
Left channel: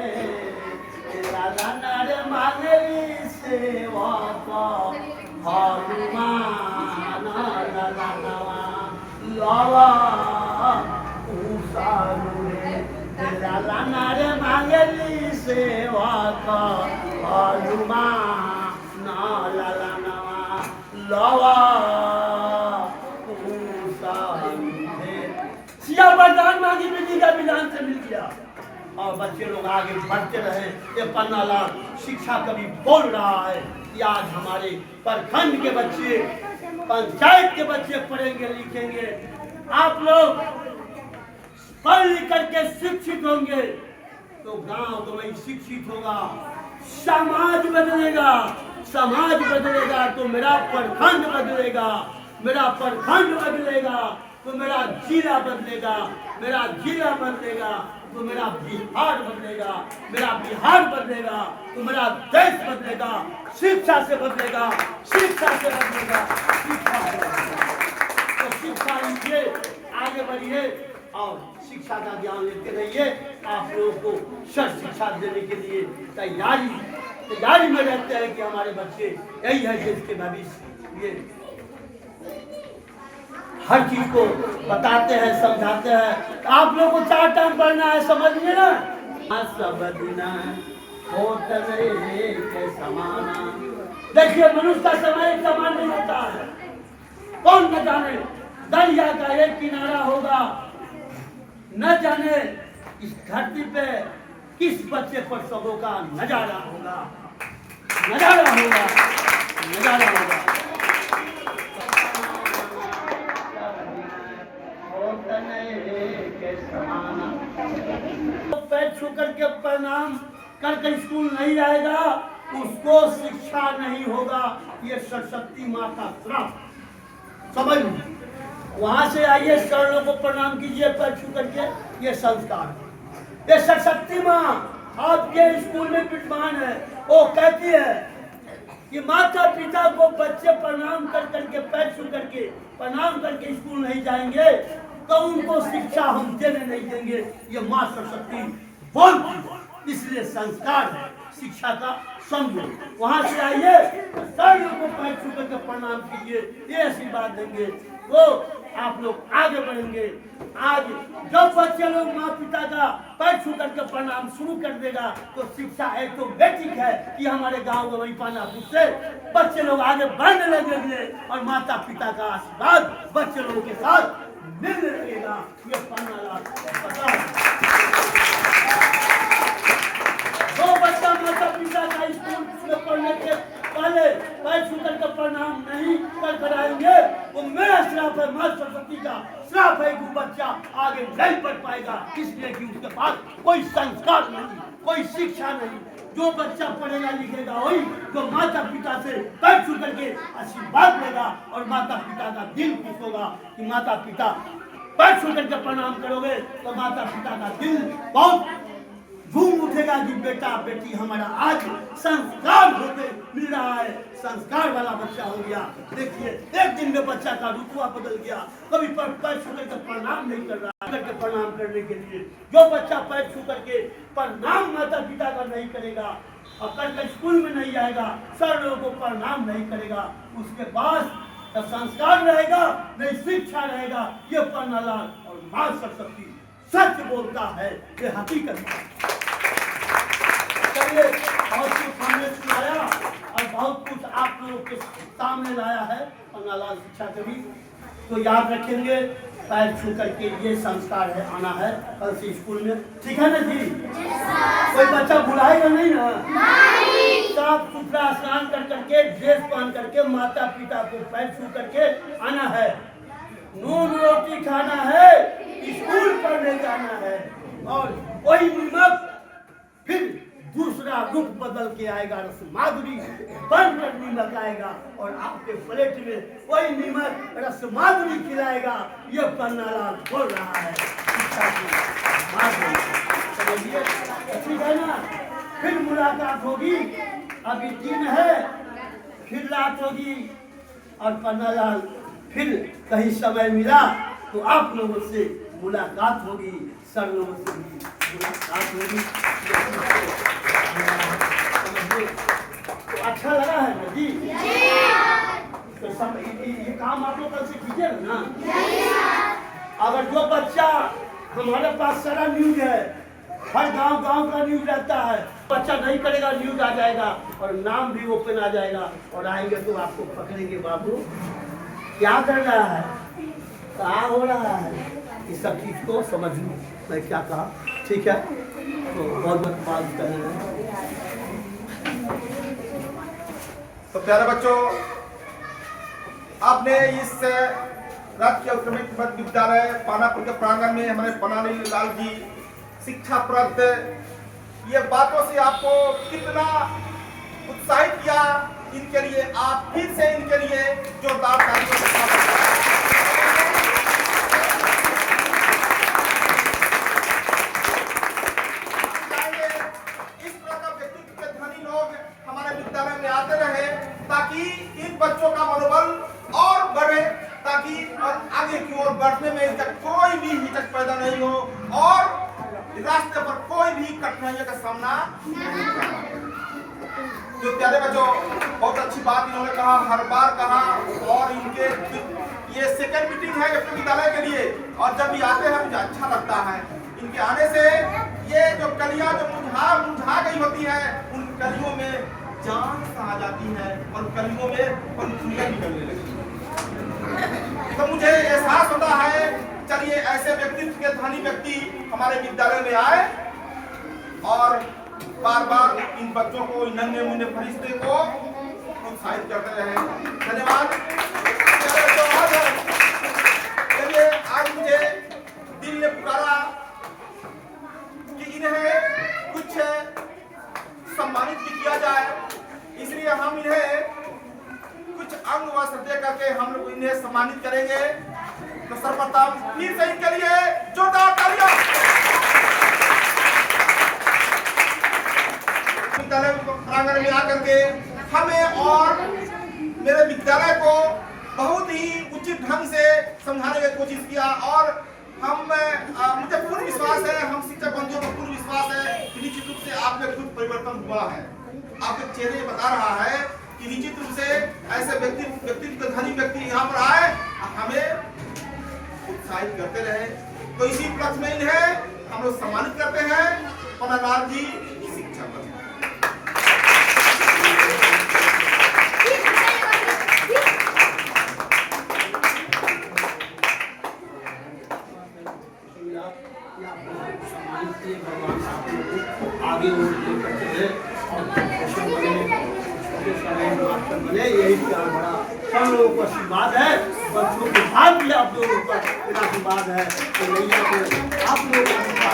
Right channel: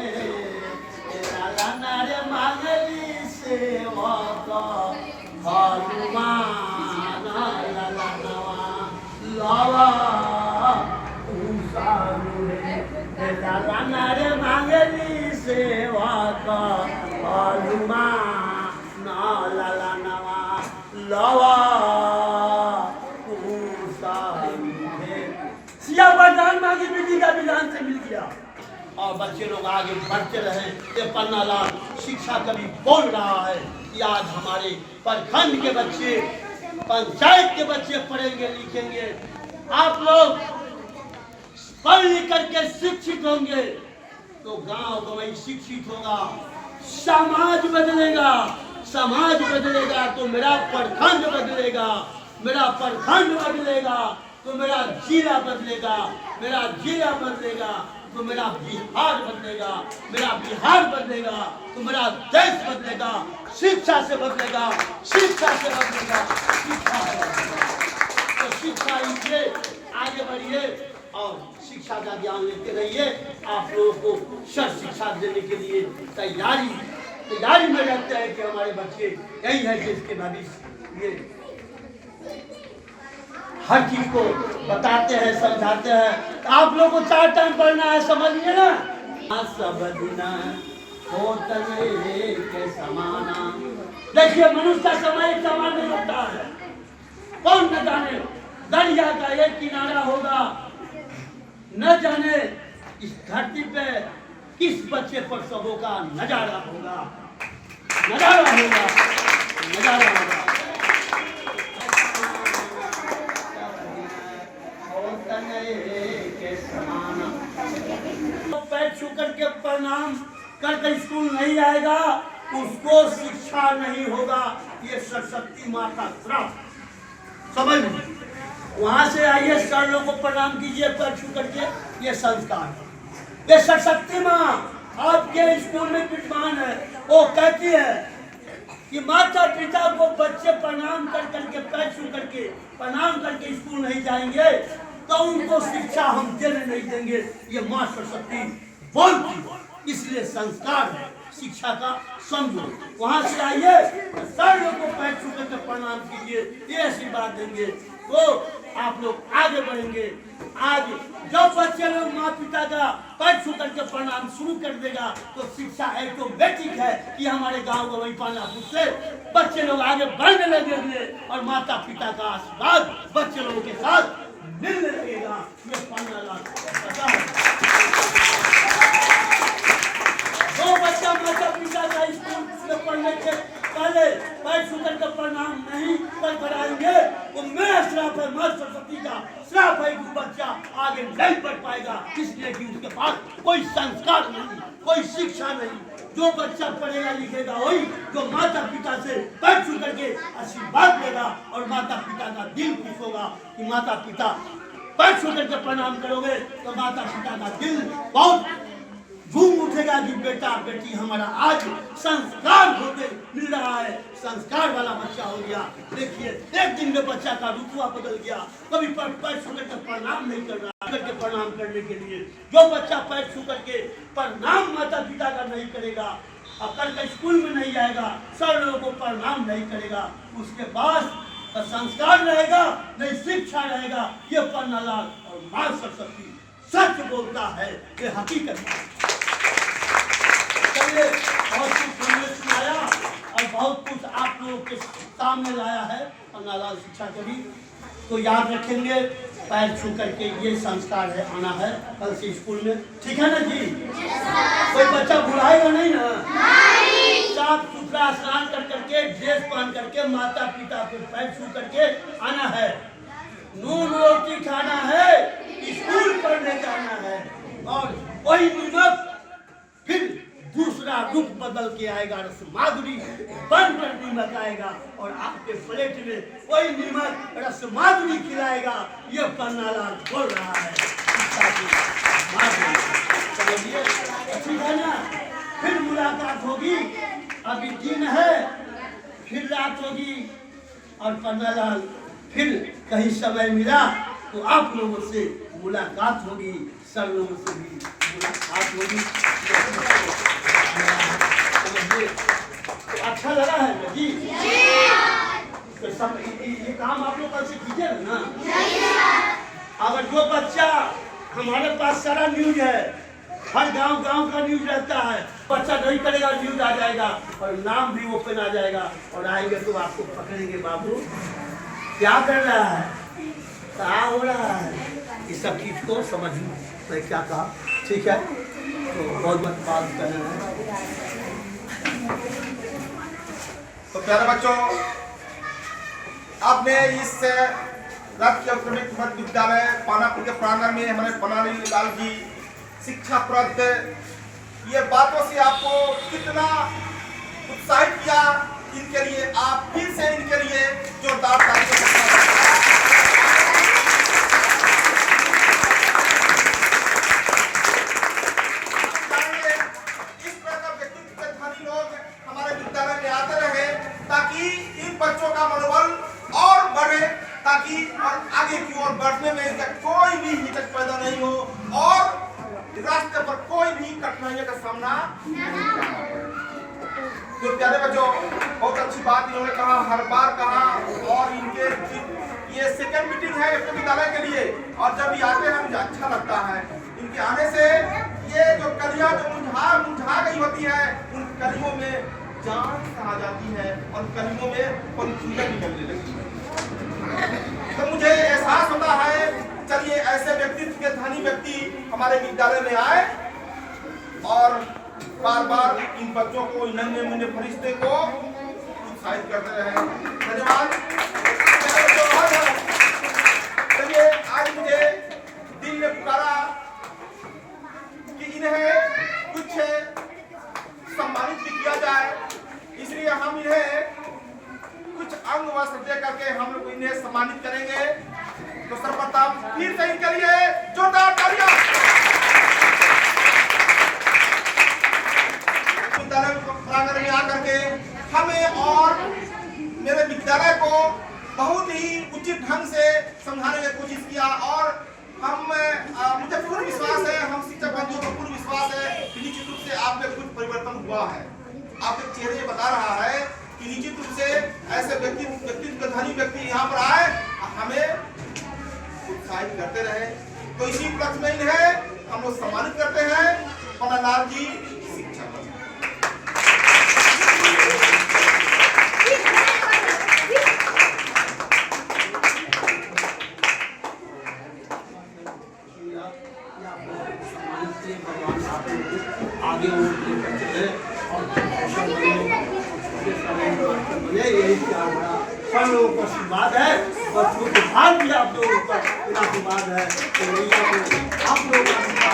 लाला नारे मांगली सेवा हनुमान लाला लवा लाला नारे मांगली सेवा हनुमान लाला लवा सिया वरदान मांगी बेटी का विधान से मिल गया और बच्चे लोग आगे बढ़ते रहे। ये पन्ना लाल शिक्षा कवि बोल रहा है कि आज हमारे प्रखंड के बच्चे, पंचायत के बच्चे पढ़ेंगे लिखेंगे। आप लोग पढ़ लिख करके शिक्षित होंगे तो गांव तो वही शिक्षित होगा, समाज बदलेगा, समाज बदलेगा तो मेरा प्रखंड बदलेगा, मेरा प्रखंड बदलेगा तो मेरा जिला बदलेगा, मेरा जिला बदलेगा तो मेरा बिहार बदलेगा, मेरा बिहार बदलेगा तो मेरा देश बदलेगा। शिक्षा से बदलेगा, शिक्षा से बदलेगा, शिक्षा से बदलेगा। तो शिक्षा लीजिए, आगे बढ़िए और शिक्षा का ज्ञान लेते रहिए। आप लोगों को सर्व शिक्षा देने के लिए तैयारी में रहते हैं कि हमारे बच्चे यही है देश के भविष्य। ये हर चीज को बताते हैं, समझाते हैं। तो आप लोगों को 4 टाइम पढ़ना है, समझिए ना। सब दिन होत रे के समाना। देखिए मनुष्य का समय एक समान नहीं होता है। कौन न जाने दरिया का एक किनारा होगा, न जाने इस धरती पे किस बच्चे पर सबों का नजारा होगा, नजारा होगा, नजारा होगा। तो पैर छू करके प्रणाम कर स्कूल नहीं आएगा, उसको शिक्षा नहीं होगा। ये सरस्वती माँ का श्राप, समझ लीजिए। वहां से आइए, शरणों को प्रणाम कीजिए पैर छू करके, ये संस्कार। ये सरस्वती माँ आपके स्कूल में विद्यमान है। वो कहती है कि माता पिता को बच्चे प्रणाम कर करके, पैर छू करके प्रणाम करके स्कूल नहीं जाएंगे तो उनको शिक्षा हम देने नहीं देंगे। ये माँ सरस्वती बोलती, इसलिए संस्कार है, शिक्षा का समझो। वहां से आइए, शरणों को पैर छू करके प्रणाम कीजिए, ये आशीर्वाद देंगे तो आप लोग आगे बढ़ेंगे। आज जब बच्चे लोग माँ पिता का पैर छू करके प्रणाम शुरू कर देगा तो शिक्षा ऑटोमेटिक है कि हमारे गांव गवई पानापुर से बच्चे लोग आगे बढ़ने लगेंगे और माता पिता का आशीर्वाद बच्चे लोगों के साथ मिलने लगेगा। ये पता है। दो बच्चा माता पिता का स्कूल में पढ़ने के पहले पैर छू करके प्रणाम नहीं कर आएंगे, वो मेरा श्राप है, माँ सरस्वती का श्राप है कि बच्चा आगे नहीं बढ़ पाएगा, इसलिए कि उसके पास कोई संस्कार नहीं, कोई शिक्षा नहीं। जो बच्चा पढ़ेगा लिखेगा वही जो माता पिता से पैर छू करके आशीर्वाद लेगा और माता पिता का दिल खुश होगा कि माता पिता पैर छू करके प्रणाम करोगे तो माता पिता का दिल बहुत झूम उठेगा कि बेटा बेटी हमारा आज संस्कार होते मिल रहा है, संस्कार वाला बच्चा हो गया। देखिए एक दिन में बच्चा का रुतबा बदल गया, कभी पैर छू करके प्रणाम नहीं कर रहा, करके प्रणाम करने के लिए जो बच्चा पैर छू करके प्रणाम माता पिता का नहीं करेगा और कल स्कूल में नहीं जाएगा, सर लोगों को प्रणाम नहीं करेगा, उसके पास संस्कार रहेगा नहीं शिक्षा रहेगा। ये पन्नालाल और माँ सरस्वती सच बोलता है, ये हकीकत है। चलिए बहुत कुछ हमने सुनाया और बहुत कुछ आप लोगों के सामने लाया है पन्नालाल शिक्षा कवि, तो याद रखेंगे। पैर छू करके ये संस्कार है, आना है कल से स्कूल में, ठीक है ना जी? कोई बच्चा बुलाएगा नहीं ना? साफ सुथरा स्नान कर करके ड्रेस पहन करके माता पिता को पैर छू करके आना है, नून रोटी खाना है, स्कूल पढ़ने जाना है और वही नमक फिर दूसरा रूप बदल के आएगा, रस माधुरी बनकर नमक आएगा और आपके प्लेट में वही नमक रस माधुरी खिलाएगा। ये पन्नालाल बोल रहा है, समझिए, ठीक है ना? फिर मुलाकात होगी, अभी दिन है, फिर रात होगी और पन्नालाल फिर कहीं समय मिला तो आप लोगों से मुलाकात होगी, सर लोगों से भी मुलाकात होगी। तो अच्छा लगा है ना जी? तो सब ये काम आप लोग कैसे कीजिए ना। अगर जो बच्चा हमारे पास सारा न्यूज है, हर गांव का न्यूज रहता है, बच्चा नहीं करेगा न्यूज आ जाएगा और नाम भी ओपन आ जाएगा और आएंगे तो आपको पकड़ेंगे, बाबू क्या कर रहा है, क्या हो रहा है, इस सब चीज को समझ मैं क्या कहा, ठीक है? तो बहुत बहुत बात कर रहे हैं। तो प्यारे बच्चों, आपने इस राजकीय उत्क्रमित मध्य विद्यालय पानापुर के प्रांगण में हमारे पन्नालाल जी शिक्षाप्रद ये बातों से आपको कितना उत्साहित किया, इनके लिए आप फिर से इनके लिए जोरदार तालियों से स्वागत करें। इस तरह का व्यक्तित्व के धनी लोग हमारे विद्यालय में आते रहे ताकि इन बच्चों का मनोबल और बढ़े, ताकि आगे की ओर बढ़ने में इनका कोई भी हिचक पैदा नहीं हो और रास्ते पर कोई भी कठिनाइयों का सामना नहीं करना पड़े। तो प्यारे बच्चों, बहुत अच्छी बात इन्होंने कहा, हर बार कहा, और इनके ये सेकंड मीटिंग है अपने विद्यालय के लिए, और जब ये आते हैं मुझे अच्छा लगता है। इनके आने से ये जो कलियां जो मुरझा गई होती है, उन कलियों में जान आ जाती है और कलियों में पंखुड़ियां निकलने लगती है। तो मुझे एहसास होता है, चलिए ऐसे व्यक्तित्व के धनी व्यक्ति हमारे विद्यालय में आए और बार बार इन बच्चों को, इन नन्हे मुन्ने फरिश्ते को उत्साहित करते रहे। धन्यवाद। चलिए आज मुझे दिल ने पुकारा कि इन्हें कुछ सम्मानित भी किया जाए, इसलिए हम इन्हें कुछ अंग वस्त्र दे करके हम लोग इन्हें सम्मानित करेंगे। तो सर्वप्रथम फिर से इनके लिए जोरदार तालियां। विद्यालय प्रांगण में आकर के हमें और मेरे विद्यालय को बहुत ही उचित ढंग से समझाने की कोशिश किया, और मुझे पूर्ण विश्वास है, हम शिक्षक बंधुओं को पूर्ण विश्वास है कि निश्चित रूप से आप में कुछ परिवर्तन हुआ है। आपके चेहरे बता रहा है कि निश्चित रूप से ऐसे व्यक्तित्व धनी व्यक्ति यहाँ पर आए, हमें उत्साहित करते रहे। तो इसी उपलक्ष्य में इन्हें हम लोग सम्मानित करते हैं। पन्नालाल जी शिक्षक। आगे वो लेकर चले और बने, यही क्या बड़ा सब लोगों को आशीर्वाद है, बच्चों के साथ भी आप लोगों पर आशीर्वाद है, तो आप लोगों का